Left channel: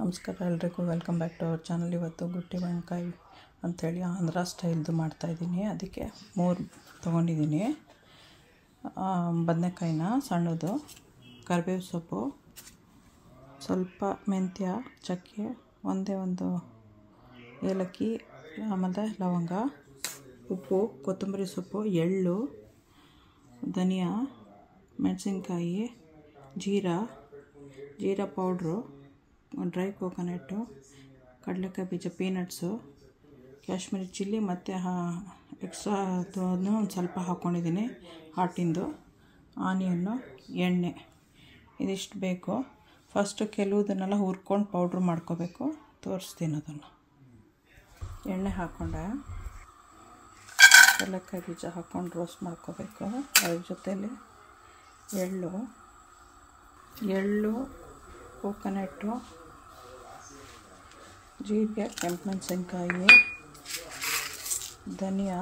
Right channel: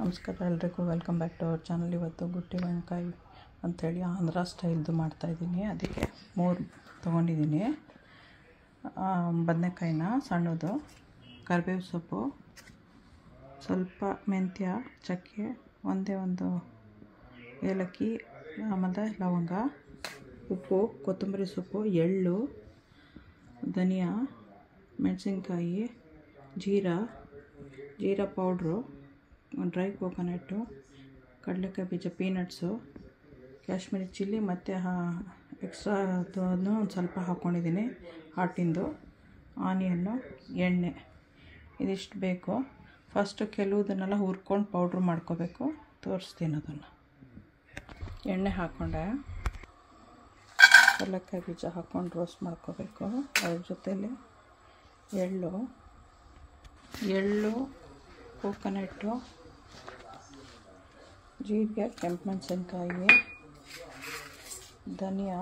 ನಮಸ್ಕಾರ ಎಲ್ರಿಗೂ, welcome back to our channel. ಇವತ್ತು ಗುಟ್ಟಿ ಮೆಣಕಾಯಿ ಅಂಥೇಳಿ ಆಂಧ್ರ ಸ್ಟೈಲ್ದು ಮಾಡ್ತಾಯಿದ್ದೀನಿ. ಅದಕ್ಕೆ 3 ತೊಗೊಂಡಿದ್ದೀನಿ. ಬದನೆಕಾಯಿನ ಸಣ್ಣದು, ಕರಿಬೇವು ಸೊಪ್ಪು, ಸ್ವಲ್ಪ ಮೆಂತ್ಯ, ಚಕ್ಕೆ, ಒಂದೇ ಒಂದು ಏಲಕ್ಕಿ, ಆಮೇಲೆ ಲವಂಗ, ಉಪ್ಪು, ಕೊತ್ತಂಬರಿ ಸೊಪ್ಪು, ಎಳ್ಳು, ಧನಿಯಾ, ಮೆಣಸಿನ್ಕಾಯಿ, ಜೀರಾ ಪೌಡ್ರು, ಡ್ರೈ ಕೋಕೋನಟ್ಟು, ಕಡಲೆಕಾಯಿ ಬೀಜ, ಪೀನಟ್ಸು, ಕಾಶ್ಮೀರಿ ಚಿಲ್ಲಿ ಮತ್ತು ಎಕ್ಸ್ಟ್ರಾ ಅದನ್ನು ಒಂದು ಸ್ವಲ್ಪ ಹಾಕ್ಕೊಂಡಿದ್ದೀನಿ. ಹಾಟಿಂದು ಆನಿಯನ್ನು, ಎಣ್ಣೆ, ಇದಿಷ್ಟು ಬೇಕು. ಫಸ್ಟು ಕೆಲವುದನ್ನೆಲ್ಲ ಹುರ್ಕೊಂಡು ಪೌಡ್ರ್ ಮಾಡ್ಕೋಬೇಕು. ತೋರಿಸ್ತೀನಿ ಅದನ್ನು. ಎಣ್ಣೆ ಹಾಕ್ಕೊಂಡೆ, ಕಡಲೆಕಾಯಿ ಬೀಜ ಹಾಕ್ಕೊಂಡು ರೋಸ್ಟ್ ಮಾಡ್ಕೋಬೇಕು. ಅದ್ರ ಜೊತೆಯಲ್ಲಿ ಎಳ್ಳು, ಕೋಕೋನಟ್ಟು, ಜೀರಿಗೆ, ಕೆಂಪು ಮೆಣಸಿನ್ಕಾಯಿ, ಧನಿಯಾ,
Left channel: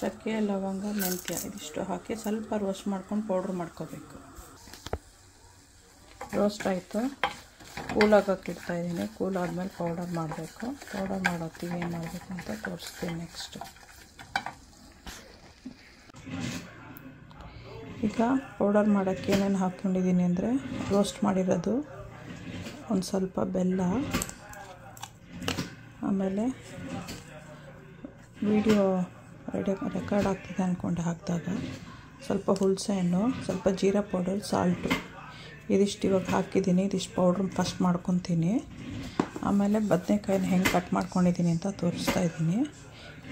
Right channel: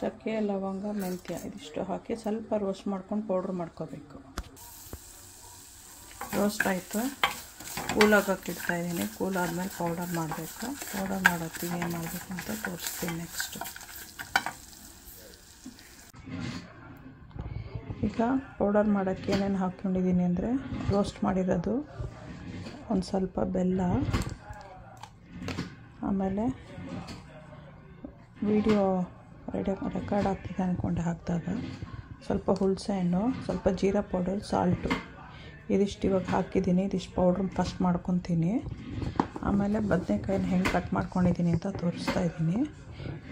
ಚಕ್ಕೆ, ಲವಂಗ, ಮೆಂತ್ಯ, ಇದಿಷ್ಟು ಹಾಕಿ ಸ್ವಲ್ಪ ರೋಸ್ಟ್ ಮಾಡ್ಕೊಂಡು ಪೌಡ್ರ್ ಮಾಡ್ಕೋಬೇಕು. ರೋಸ್ಟ್ ಆಯಿತು, ಕೂಲಾಗಕ್ಕೆ ಇಡ್ತಾಯಿದ್ದೀನಿ. ಕೂಲ್ ಆದಮೇಲೆ ಪೌಡರ್ ಮಾಡಬೇಕು. ಪೌಡರ್ ಮಾಡೋತ್ತಿಗೆ ಏನು ಮಾಡಬೇಕು ಅಂತ ತೋರಿಸ್ತೀನಿ ನೆಕ್ಸ್ಟು. ಈಗ ಪೌಡರ್ ಮಾಡೋಕ್ಕೆ ಏನೇನು ಹಾಕ್ಕೊಂಡಿದ್ದೀನಿ ಅಂದರೆ, ರೋಸ್ಟ್ ಮಾಡಿರೋದು, ಒಂದು ಸ್ವಲ್ಪ ಬೆಲ್ಲ, ಆಮೇಲೆ ವಿಡಿಯೋ ರೆಕಾರ್ಡ್ ಆಗ್ತಿದೆ ಅಂದ್ಕೊಂಡೆ ಹಾಕಿದಾಗ ಸ್ವಲ್ಪ ಹುಣಸೆ ಹಣ್ಣು, ಸ್ವಲ್ಪ ಜೀರಾ ಪೌಡರ್, ಸಾಲ್ಟು, ಇದಿಷ್ಟು ಇವಾಗ ಹಾಕಿದ್ದೀನಿ. ಇದಿಷ್ಟು ಪೌಡ್ರ್ ಫಸ್ಟ್ ಮಾಡ್ಕೊತೀನಿ. ಆಮೇಲೆ ಬದನೆಕಾಯಿನ ಹೆಂಗೆ ಕಟ್ ಮಾಡ್ಕೊಂಡಿದ್ದೀನಿ ಅಂತ ತೋರಿಸ್ತಾ ಇದ್ದೀನಿ.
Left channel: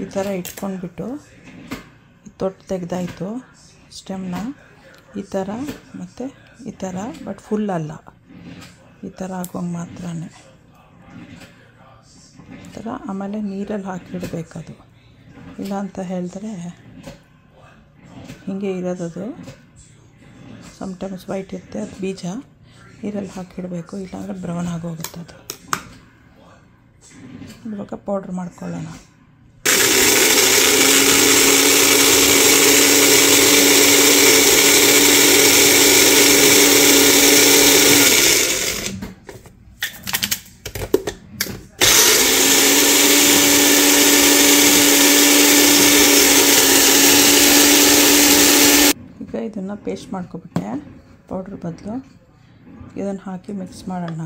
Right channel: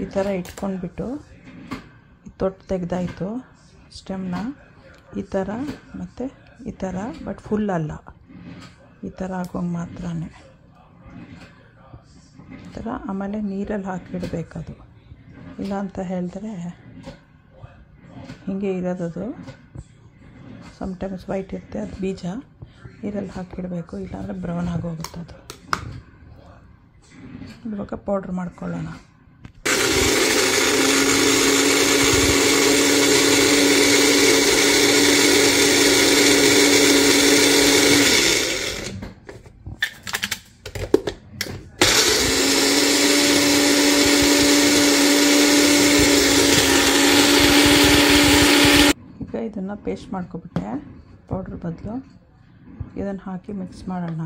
ಈ ಥರ ಇಟ್ಕೊಂಡ್ಬಿಟ್ಟು ತೊಟ್ಟು ತೆಗೆದಾಯಿತು ಸ್ಟೆಮ್ನ, ಈ ಥರ ಮತ್ತು ಈ ಥರ, ಬಟ್ ಫುಲ್ ಅಲ್ಲ, ಈ ಥರ ಆಗೋಂಗೆ ಮಾತ್ರನೇ ಈ ಥರ. ಆಮೇಲೆ ನೀರಲ್ಲಿ ಹಾಕಿಡಬೇಕದು, ಇಲ್ಲ ಅಂತ ಹೇಳಿದ್ರೆ ಹೀಗೆ ಇರೋದದು. ಸಮ್ಟೈಮ್ಸ್ ವೈಟ್ ಇರುತ್ತೆ, ಅದು ಬೀಜ ನೀರಲ್ಲಿ ಹಾಕಿಡಬೇಕು, ಇಲ್ಲಾಂದರೆ ಬ್ರೌನ್ ಆಗೋಗುತ್ತೆ ಅದು. ಇವಾಗ ಪೌಡ್ರ್ ಮಾಡ್ಕೊಳ್ಳೋಣ. ಇದನ್ನು ಪೇಸ್ಟ್ ಮಾಡ್ಕೊಬಿಟ್ಟೆ ಪೌಡ್ರ್ ಬದಲು. ಇದನ್ನು ಹಾಕಿ ಮಿಕ್ಸ್ ಮಾಡೋಣ.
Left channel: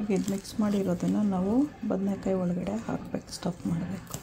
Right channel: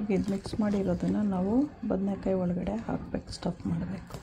ಈಗ ಇದು ಮಿಕ್ಸ್ ಮಾಡಿರೋದನ್ನು ನಾವು ಬದನೆಕಾಯಿ ಒಳಗಡೆ ಹಾಕಬೇಕು, ಸ್ಟಫ್ ಮಾಡಬೇಕು.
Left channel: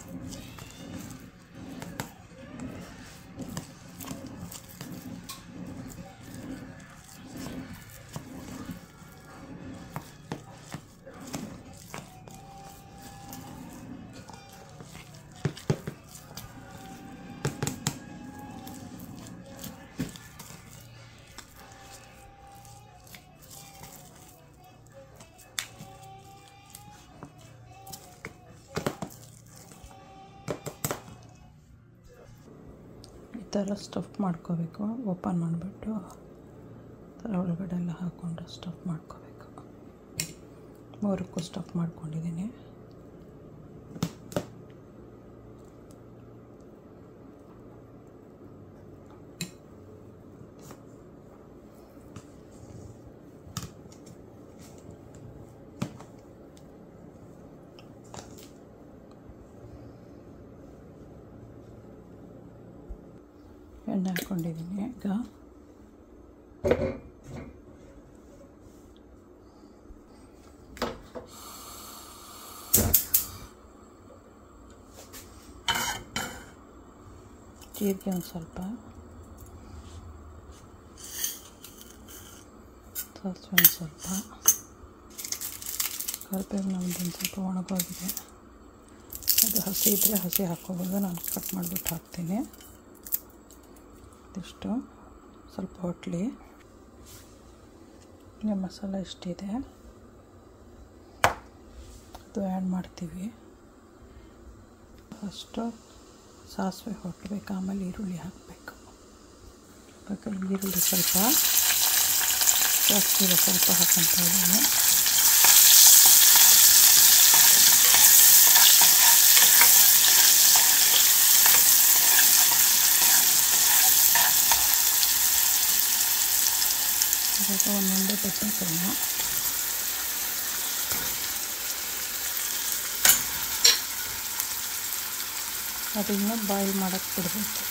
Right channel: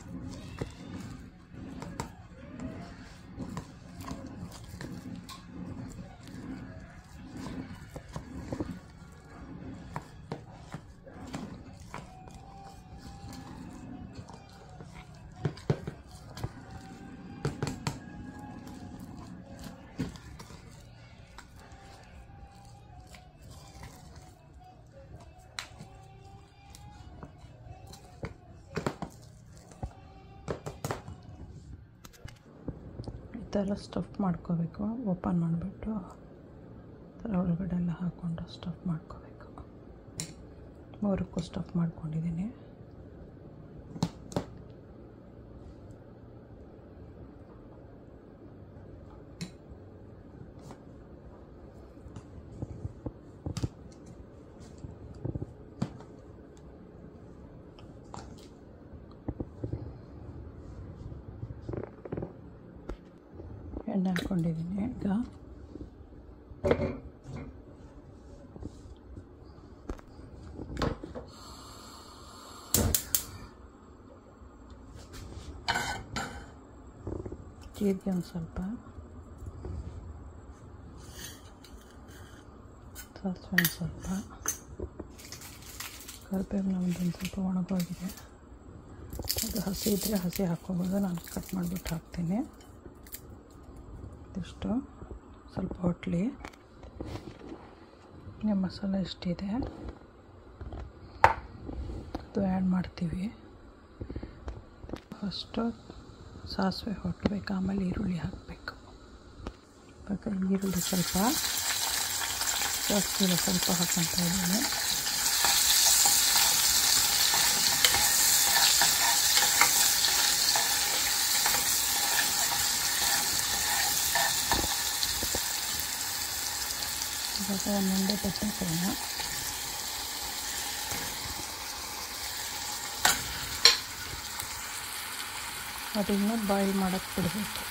ಈ ಥರ ಸ್ಟಫ್ ಮಾಡ್ಕೋಬೇಕು. ಓಪನ್ ಮಾಡಿಬಿಟ್ಟು ಥರ ಒಳಗಡೆ ಎಲ್ಲ ಹಾಕ್ಕೊಂಡು ಸ್ಟಫ್ ಮಾಡ್ಕೋಬೇಕು. 3ಕ್ಕೂ ಸ್ಟಫ್ ಮಾಡ್ಕೊಂಡಿದ್ದೀನಿ. ಎಣ್ಣೆ ಹಾಕ್ಕೊಂಡಿದ್ದೀನಿ. ಈಗ ಜೀರಿಗೆ ಒಂದು ಸ್ವಲ್ಪ, ಸಾಸಿವೆ ಒಂದು ಸ್ವಲ್ಪ, ಕರಿಬೇವು ನಮ್ಮದೊಂದು ಸ್ವಲ್ಪ ಒಣಗೋಗಿದೆ. ಅದು ಹಸಿ ಇದ್ದರೆ ಹಸಿ ಹಾಕ್ಕೋಬೋದು, ನಾನು ಕಟ್ ಮಾಡಿಬಿಟ್ಟು ಹಾಕ್ತೀನಿ. ಇಷ್ಟು ಸ್ವಲ್ಪ ಹೊಟ್ಲಿ ಮಸಾಲೆ ಇಷ್ಟಿದೆ, ಅದು ಆ್ಯಡ್ ಮಾಡ್ತೀವಿ. ಫಸ್ಟು ಸಾಸಿವೆ ಹೊಟ್ಟಬೇಕು, ಆಮೇಲೆ ಈರುಳ್ಳಿ ಹಾಕಬೇಕು. ಬೇಕಾದ್ರೆ ಈರುಳ್ಳಿ ಸ್ವಲ್ಪ ಜಾಸ್ತಿ ಸ್ವಲ್ಪ ಹಾಕ್ಕೊತಾ ಇದ್ದೀನಿ. ಇವಾಗ ಒಂದೊಂದೇ ಬಟಾಟೆನ ಅದನ್ನು ಬಾಯ್ಲ್ ಮಾಡೋಕ್ಕೆ ಬಿಡಬೇಕು.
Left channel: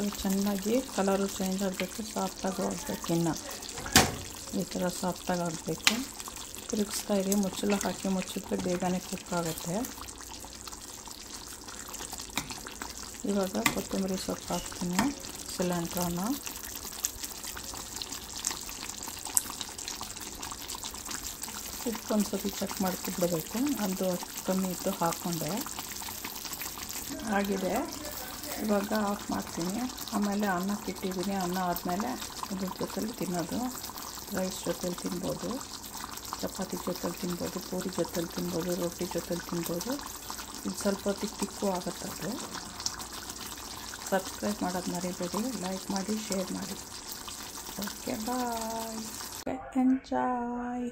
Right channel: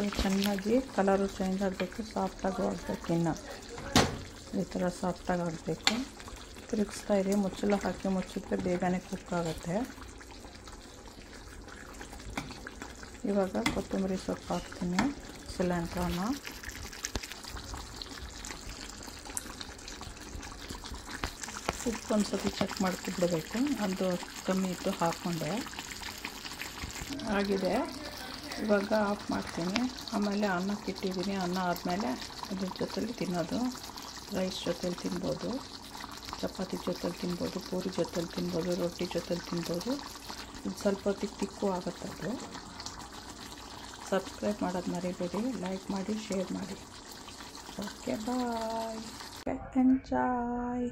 ಅದು ಚೆನ್ನಾಗಿ ಕಲರು ಚೇಂಜ್ ಆಗಬೇಕು, ಸಾಫ್ಟಾಗೂ ಆಗಬೇಕು. ಇನ್ನು ಈ ಥರ ಸಾಫ್ಟಾಗಿ ಆಗಬೇಕು. ತಿರುಗಿಸ್ತಾ ಇರಿ. ಮುಚ್ಚಳ ಹಾಕಿ ಮುಚ್ಚಿದ್ರೆ ಬೇಗನೆ ಕುಕ್ ಆಗುತ್ತೆ. ಇವಾಗ ಕೊತ್ತಂಬರಿ ಸೊಪ್ಪು ಹಾಕ್ತೀನಿ, ಸಿಲಿಂಡ್ರನ. ಉಪ್ಪು ಒಂದು ಸತಿ ಚೆಕ್ ಮಾಡ್ಕೊಬಿಡಬೇಕು. ಅದು ಕಮ್ಮಿ ಇತ್ತು, ಹಾಕ್ಕೊಂಡೆ. ಆಗಿದೆ. ಇವಾಗ ಆಫ್ ಮಾಡ್ತೀನಿ. ಆಮೇಲೆ ಅನ್ನಕ್ಕೆ ಇಟ್ಟಿದ್ದೀನಿ. ಅನ್ನ ಆದಮೇಲೆ ಅದ್ರ ಜೊತೆಲಿ ತಿನ್ನೋದು. ರೈಸ್ ಜೊತೆಲಿ ತಿನ್ಬೋದು, ಚಪಾತಿ ಜೊತೆಲಿ ತಿನ್ಬೋದು, ಪೂರಿ ಜೊತೆಲಿ ತಿನ್ಬೋದು, ರೊಟ್ಟಿ ಜೊತೆಲಿ ತಿನ್ಬೋದು. ಇದು ಸ್ವಲ್ಪ ತಿಕ್ಕು ಆಗುತ್ತೆ. ಅದು ಸಬ್ಸ್ಕ್ರೈಬ್ ಮಾಡೋದು ಮರಿಬೇಡಿ. ಲೈಕ್ ಮಾಡಿ, ಶೇರ್ ಮಾಡಿ. ಓಕೆ, ಬಾಯ್. ಎಂಜಾಯ್.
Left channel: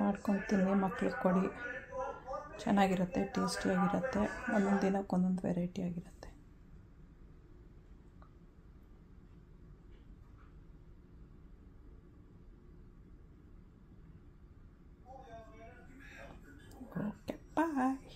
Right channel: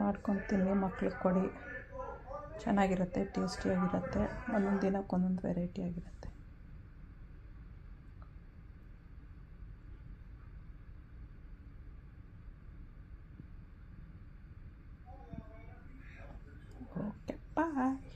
ಮಾಡ್ಕೊಂಡು ತಿನ್ನಿ, ಮಕ್ಳಿಗೆ ಕೊಡಿ. ಚೆನ್ನಾಗಿರುತ್ತೆ, ಟೇಸ್ಟಿಯಾಗಿರುತ್ತೆ. ಒಂದೊಂದು ದಿನಕ್ಕೆ ಒಂದೊಂದು ವೆರೈಟಿ ಆಗಿರುತ್ತೆ. ಓಕೆ, ಬಾಯ್.